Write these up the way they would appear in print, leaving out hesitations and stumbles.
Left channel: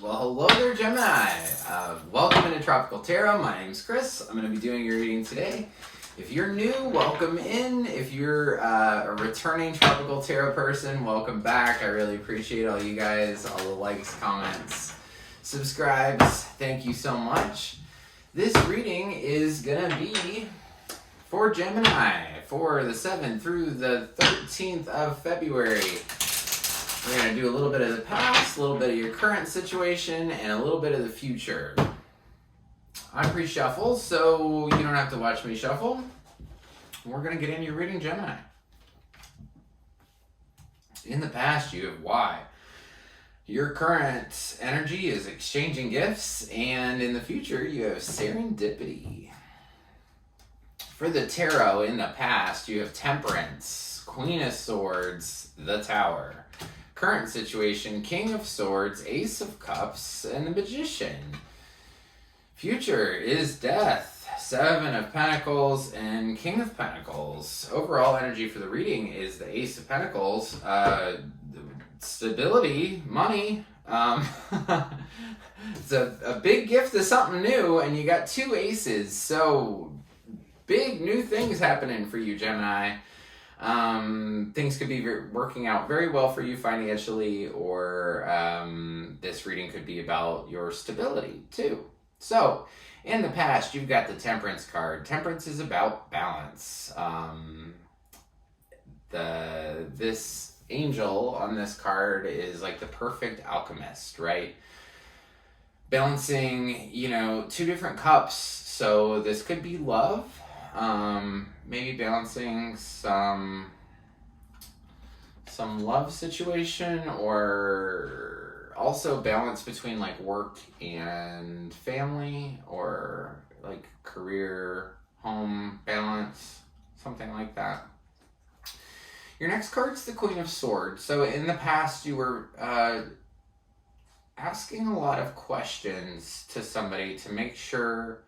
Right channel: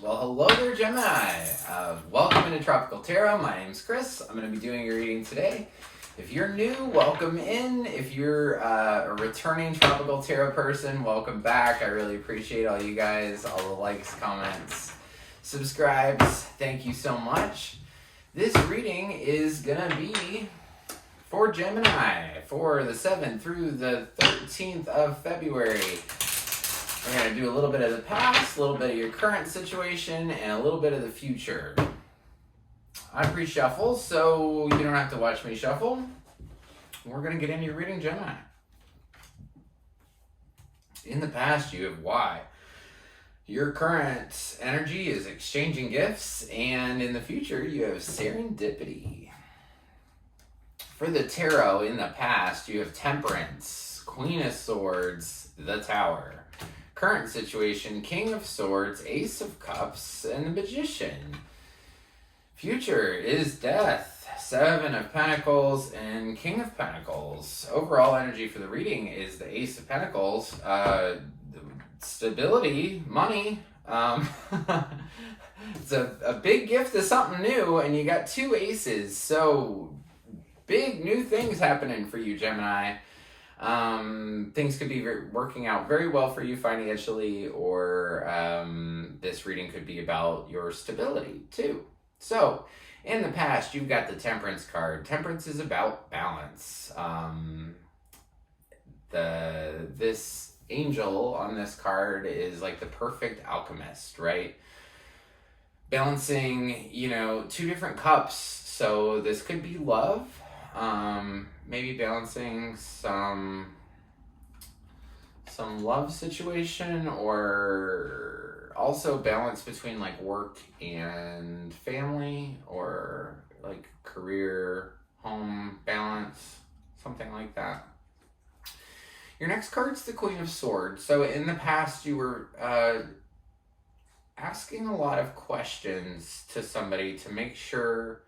Well, hello there, Gemini. Welcome into Tropical Tarot. My name's Chris. I'm going to be doing your reading today. If you're new, welcome in. If you're a returning Tropical Tarot person, welcome back. I really appreciate all you guys, all the likes, comments, subscribes. Thank you so much. This reading is going to be for Gemini for the 7th through the 13th of February. We're going to do a little bit of the past, a little bit of your current situation, and a little bit of the future. I'm pre-shuffle, so you don't have to watch me shuffle. We're going to get into your reading, Gemini. In the past, you have why. Your current energy is exchanging gifts, and in the future, you have serendipity. For the tarot, in the past, you have temperance, Queen of Swords, the Tower. Current situation, King of Swords, Ace of Cups, and the Magician. Future is Death, Seven of Pentacles, and King of Pentacles. Overall energy for the reading is the Ace of Pentacles. Stability, money. It's a big gift of something new, and you got two aces. So, big new things happening for you, Gemini. Things could be working out very well for you financially, or this reading could be about your stability too. So, in the past, you've got the Temperance card. Temperance is about balance. This angel on this card is like the perfect alchemist, right? Balancing, two different cups. So this could be love. Maybe balancing some love situation, or also balance between like work and family, or like career, home balance, something like that. Your next card's the Queen of Swords. So in the past, you were asking a lot of questions to somebody to make sure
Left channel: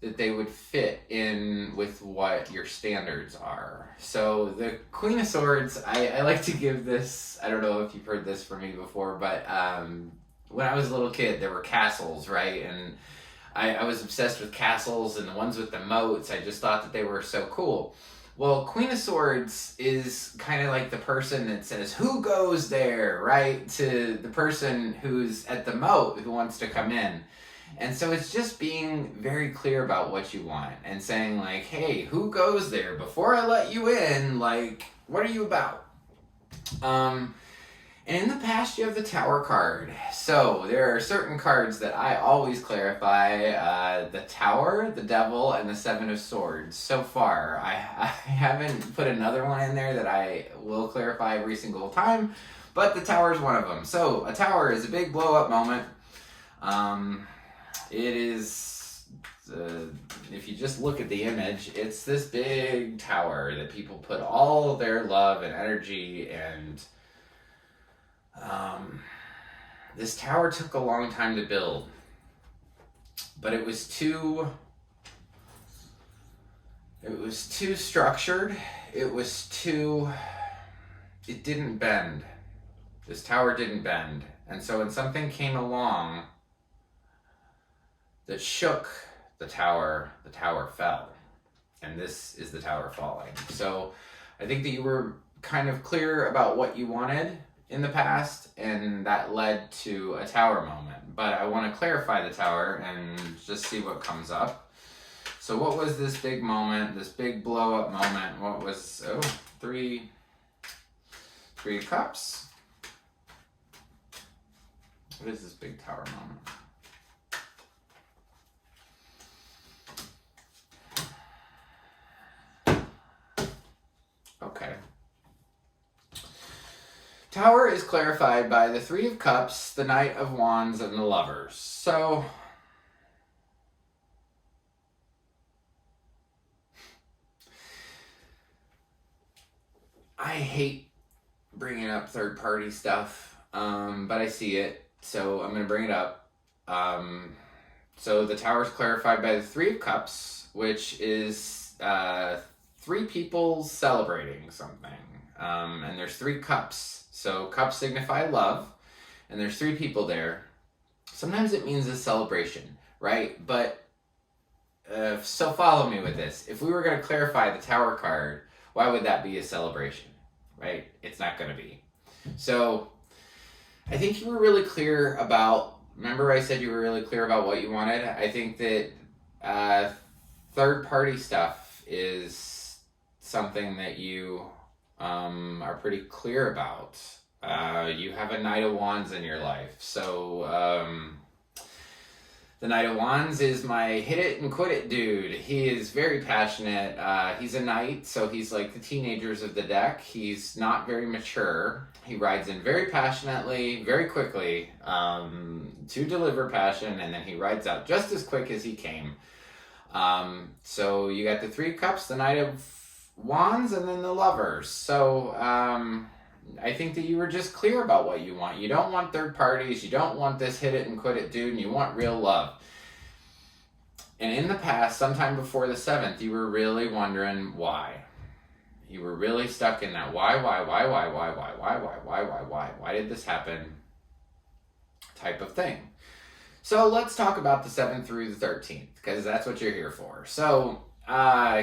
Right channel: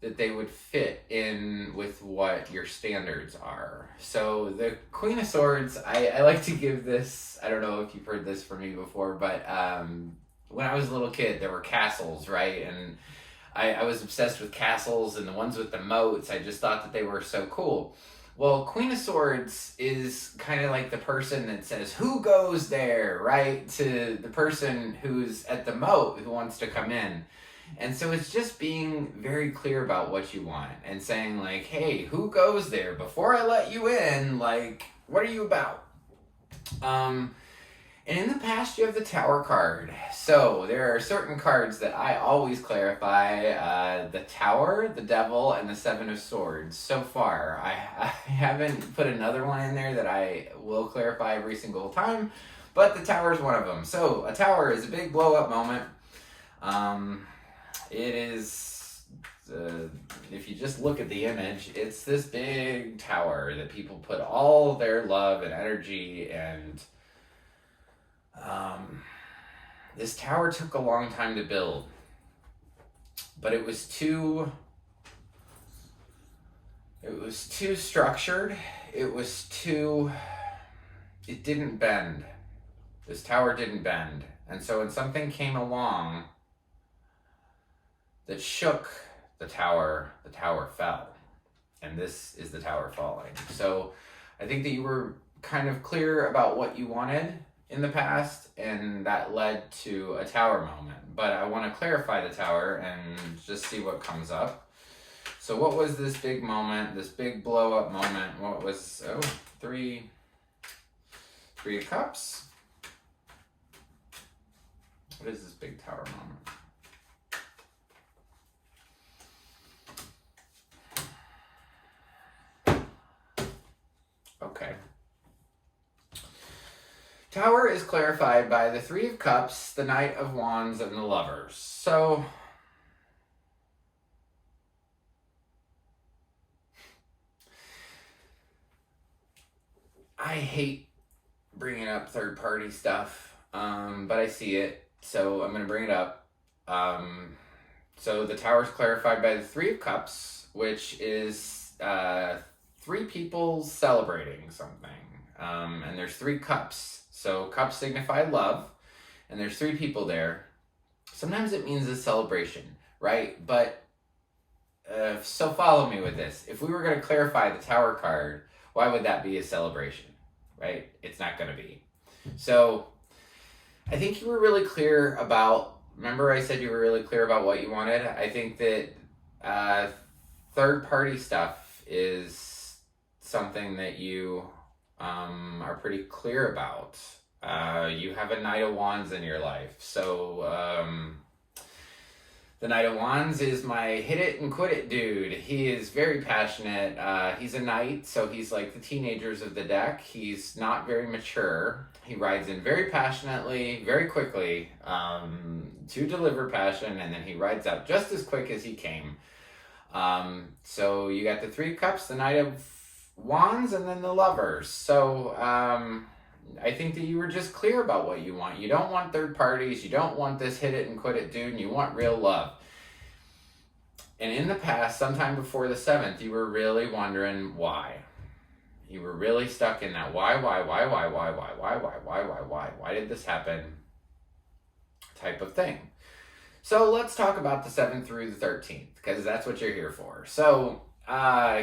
that they would fit in with what your standards are. So the Queen of Swords, I like to give this, I don't know if you've heard this from me before, but when I was a little kid, there were castles, right? And I was obsessed with castles, and the ones with the moats, I just thought that they were so cool. Well, Queen of Swords is kind of like the person that says, who goes there, right? To the person who's at the moat who wants to come in. And so it's just being very clear about what you want and saying like, hey, who goes there? Before I let you in, like, what are you about? And in the past, you have the Tower card. So there are certain cards that I always clarify. The Tower, the Devil, and the Seven of Swords. So far, I haven't put another one in there that I will clarify every single time, but the Tower is one of them. So a tower is a big blow-up moment. It is, if you just look at the image, it's this big tower that people put all their love and energy, and this tower took a long time to build, but it was too structured. It didn't bend. This tower didn't bend. And so when something came along that shook the tower fell. And this is the tower falling. So I think that you were kind of clear about what you wanted in the past, and that led to a tower moment. But I want to clarify the tower and just see what comes up. So what was this big moment, this big blow-up moment? What was, three of Cups? What is this big tower moment? Okay. Tower is clarified by the Three of Cups, the Knight of Wands, and the Lovers. So, I hate bringing up third-party stuff, but I see it, so I'm going to bring it up. So the Tower is clarified by the Three of Cups, which is three people celebrating something. And there's three cups. So cups signify love, and there's three people there. Sometimes it means a celebration, right? But, so follow me with this. If we were going to clarify the Tower card, why would that be a celebration, right? It's not going to be. So, I think you were really clear about, remember I said you were really clear about what you wanted? I think that third-party stuff is something that you are pretty clear about. You have a Knight of Wands in your life. So, the Knight of Wands is my hit it and quit it dude. He is very passionate. He's a knight, so he's like the teenagers of the deck. He's not very mature. He rides in very passionately, very quickly, to deliver passion, and then he rides out just as quick as he came. So you got the Three Cups, the Knight of Wands, and then the Lovers. So, I think that you were just clear about what you want. You don't want third parties. You don't want this hit it and quit it dude, and you want real love. And in the past, sometime before the 7th, you were really wondering why. You were really stuck in that why did this happen type of thing. So let's talk about the 7th through the 13th, because that's what you're here for. So,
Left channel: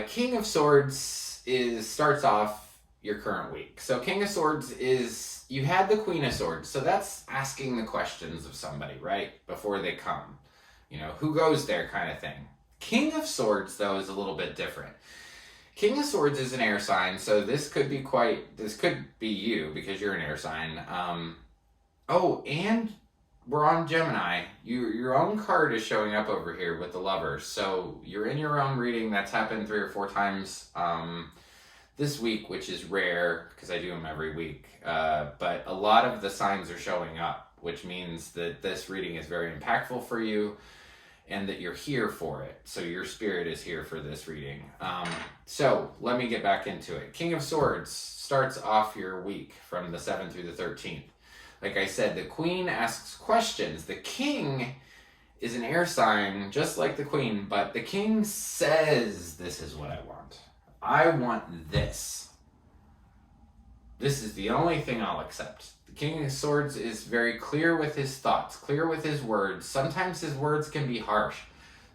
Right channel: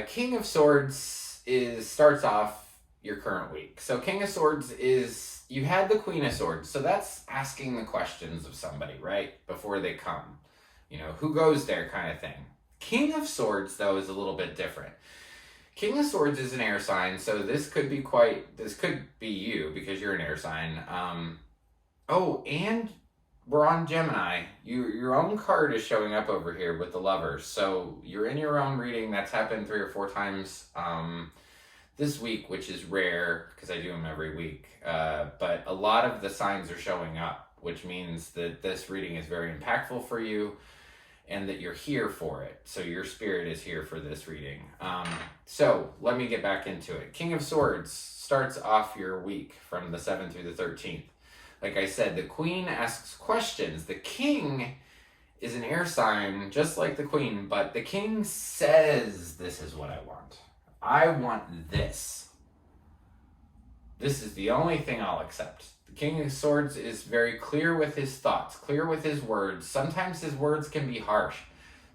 King of Swords starts off your current week. So King of Swords is, you had the Queen of Swords, so that's asking the questions of somebody, right? Before they come. You know, who goes there kind of thing. King of Swords, though, is a little bit different. King of Swords is an air sign, so this could be you, because you're an air sign. Oh, and we're on Gemini. Your own card is showing up over here with the Lovers. So you're in your own reading. That's happened 3 or 4 times this week, which is rare because I do them every week. But a lot of the signs are showing up, which means that this reading is very impactful for you and that you're here for it. So your spirit is here for this reading. So let me get back into it. King of Swords starts off your week from the 7th through the 13th. Like I said, the Queen asks questions. The King is an air sign, just like the Queen, but the King says, this is what I want. I want this. This is the only thing I'll accept. The King of Swords is very clear with his thoughts, clear with his words. Sometimes his words can be harsh.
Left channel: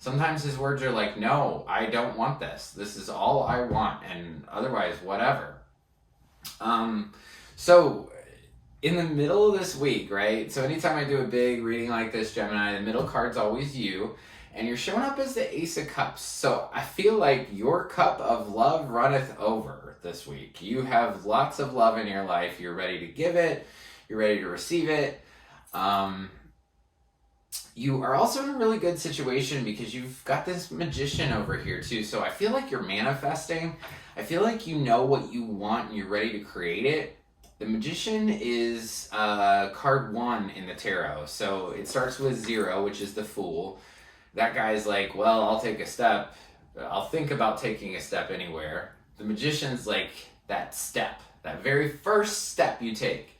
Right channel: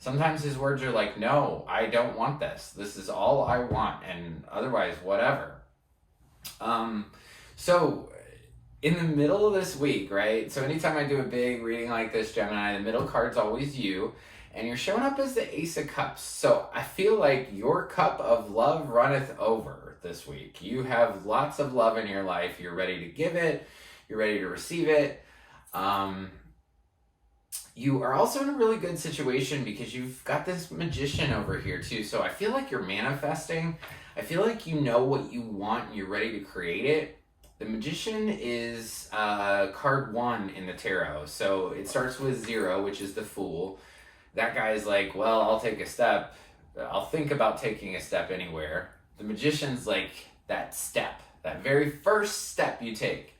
Sometimes his words are like, no, I don't want this. This is all I want, and otherwise, whatever. So in the middle of this week, right? So anytime I do a big reading like this, Gemini, the middle card's always you. And you're showing up as the Ace of Cups. So I feel like your cup of love runneth over this week. You have lots of love in your life. You're ready to give it. You're ready to receive it. You are also in a really good situation because you've got this Magician over here too. So I feel like you're manifesting. I feel like you know what you want and you're ready to create it. The Magician is card 1 in the tarot. So it starts with 0, which is the Fool. That guy's like, well, I'll take a step. I'll think about taking a step anywhere. The Magician's like that step, that very first step you take.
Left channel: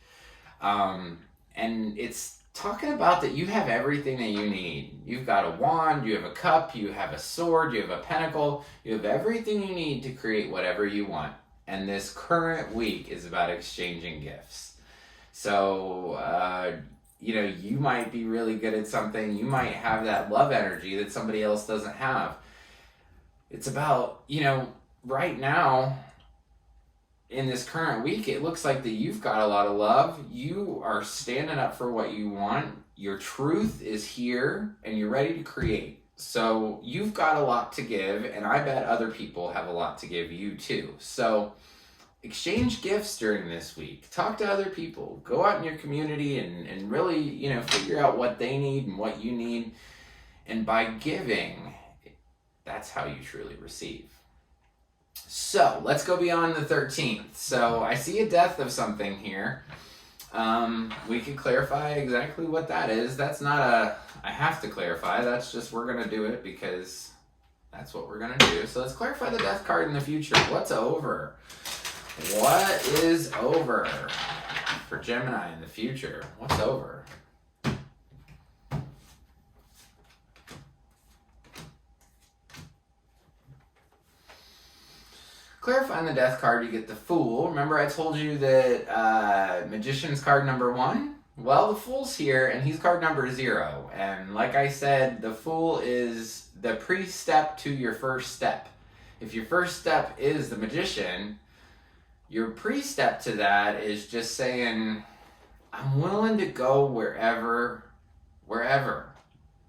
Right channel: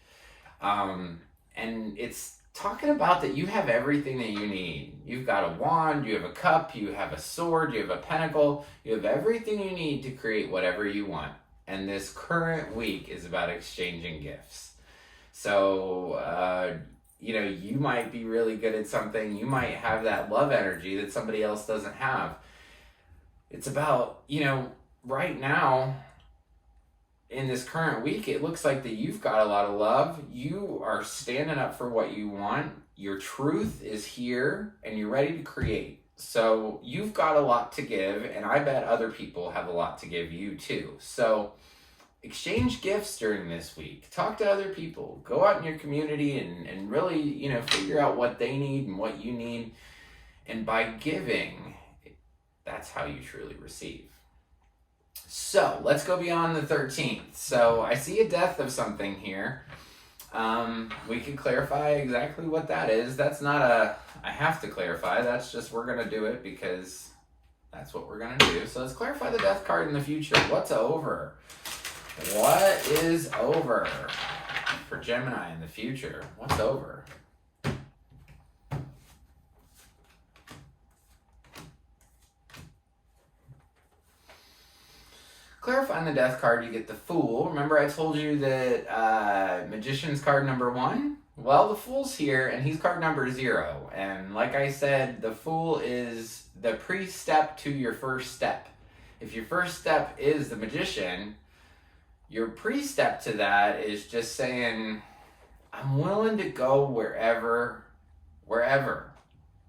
And it's talking about that you have everything that you need. You've got a wand, you have a cup, you have a sword, you have a pentacle. You have everything you need to create whatever you want. And this current week is about exchanging gifts. So, you might be really good at something. You might have that love energy that somebody else doesn't have. It's about, right now, in this current week, it looks like that you've got a lot of love. You are standing up for what you want. Your truth is here, and you're ready to create. So you've got a lot to give, and I bet other people have a lot to give you too. So exchange gifts during this week. Talk to other people. Go out in your community and really, figure out what they need and what you need. And by giving, that's how you truly receive. So let's go beyond the 13th. So I see a death of something here. We can clarify exactly what that is. That's not I have to clarify. That's just, we're going to do it because that's what we're going to do. So let's clarify the death card in the future. What's over? What is over for Gemini in the future? What's over? Clarifying the death card, you get the Fool. Remember I told you that Magician's card number 1 Well, the Fool's here, and he's card number 0. And like I said, the Fool is the pre-step to your first step. If your first step is the Magician, your pre-step to that is just saying, I'm willing to go wherever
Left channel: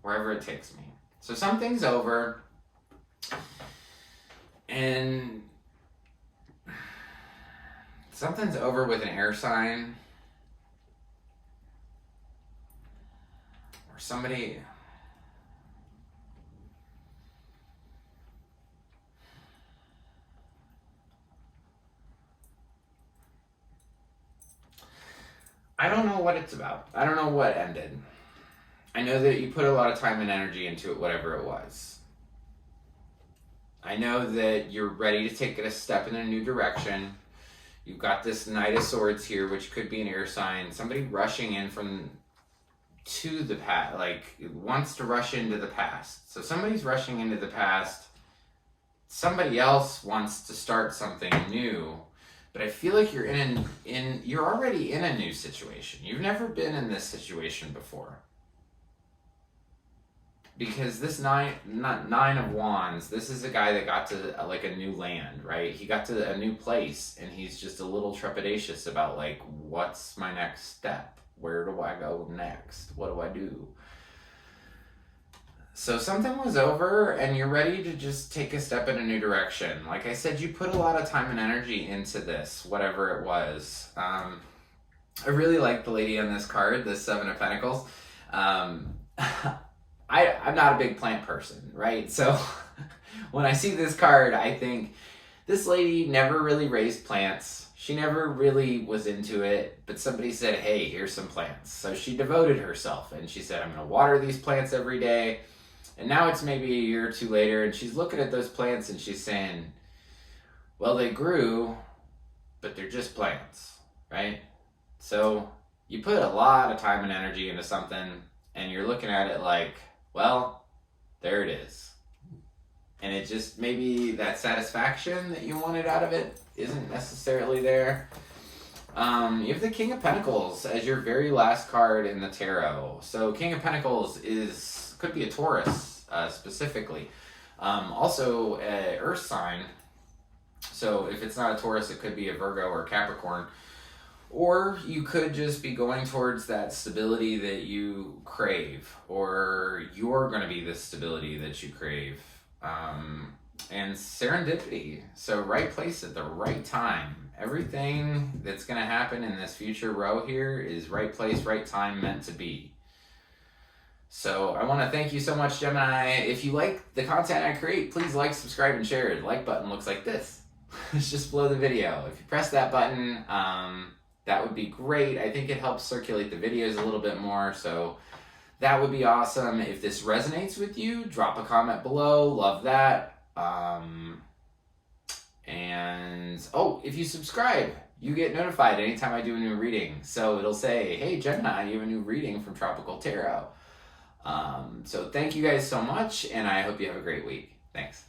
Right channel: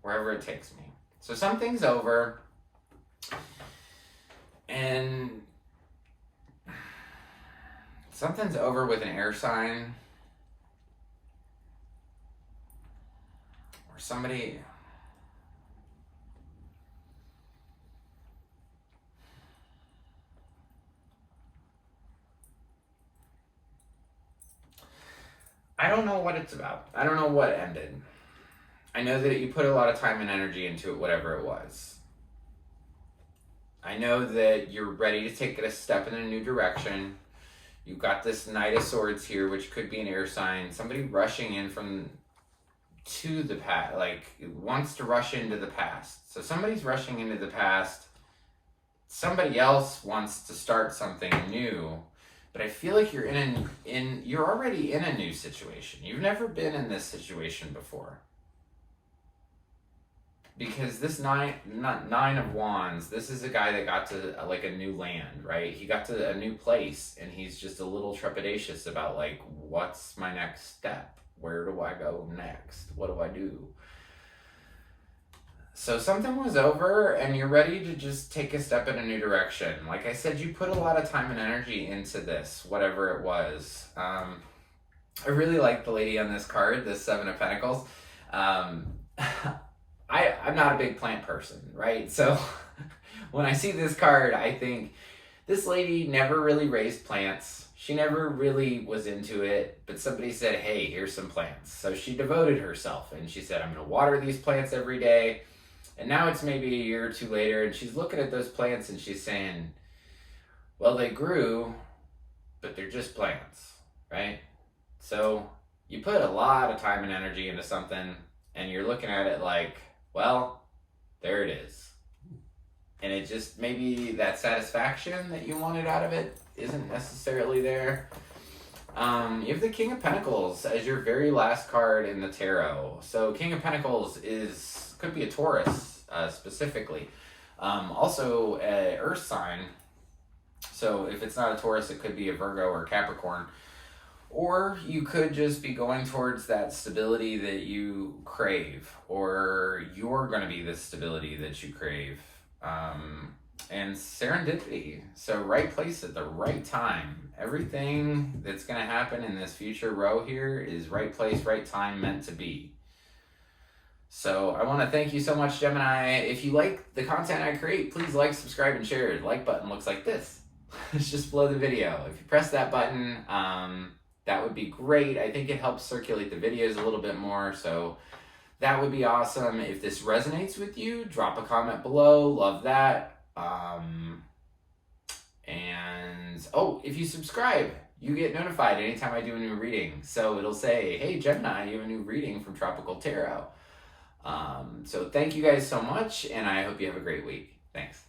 it takes me. So something's over, and something's over with an air sign, or somebody. I don't know what it's about. I don't know what ended. I know that you put a lot of time and energy into it, whatever it was. I know that you're ready to take it a step in a new direction. You've got this Knight of Swords here, which could be an air sign. Somebody rushing in to the past, like wants to rush into the past. So somebody's rushing into the past. Somebody else wants to start something new. But I feel like you're you're already in a new situation. You've never been in this situation before. Because this Nine of Wands, this is a guy that got to like a new land, right? He got to a new place, and he's just a little trepidatious about like, what's my next step? Where do I go next? What do I do? So something was over, and you're ready to just take a step in a new direction. Like I said, you put a lot of time and energy into this, whatever it was. I really like the lady on this card, the 7 of Pentacles. I'm not a big plant person, right? So when I see this card, I think this lady never really raised plants. She never really was into it, but somebody said, hey, here's some plants. So she devoted herself, and she said, I'm going to water these plants every day. And now it's maybe a year or two later, and she's looking at those plants and she's saying, well, they grew, but they're just plants, right? So you put a lot of time and energy into something, and you're looking at it like, well, there it is. And it just, maybe that satisfaction that you wanted out of it isn't necessarily there. You have the King of Pentacles as your very last card in the tarot. So King of Pentacles could be a Taurus specifically. Also an earth sign. So if it's not a Taurus, it could be a Virgo or a Capricorn. Or you could just be going towards that stability that you crave, or you're going to be the stability that you crave. And serendipity. So right place at the right time. Everything that's going to happen in this future row here is right place, right time, meant to be. So I want to thank you so much, Gemini. If you like the content I create, please like, subscribe, and share. The like button looks like this. It's just below the video. If you press that button, that would be great. I think it helps circulate the videos a little bit more, so that would be awesome. If this resonates with you, drop a comment below. Love that. If you subscribe, you get notified anytime I do a new reading. So it'll say, hey, Gemini, you have a new reading from Tropical Tarot. So thank you guys so much, and I hope you have a great week. Thanks.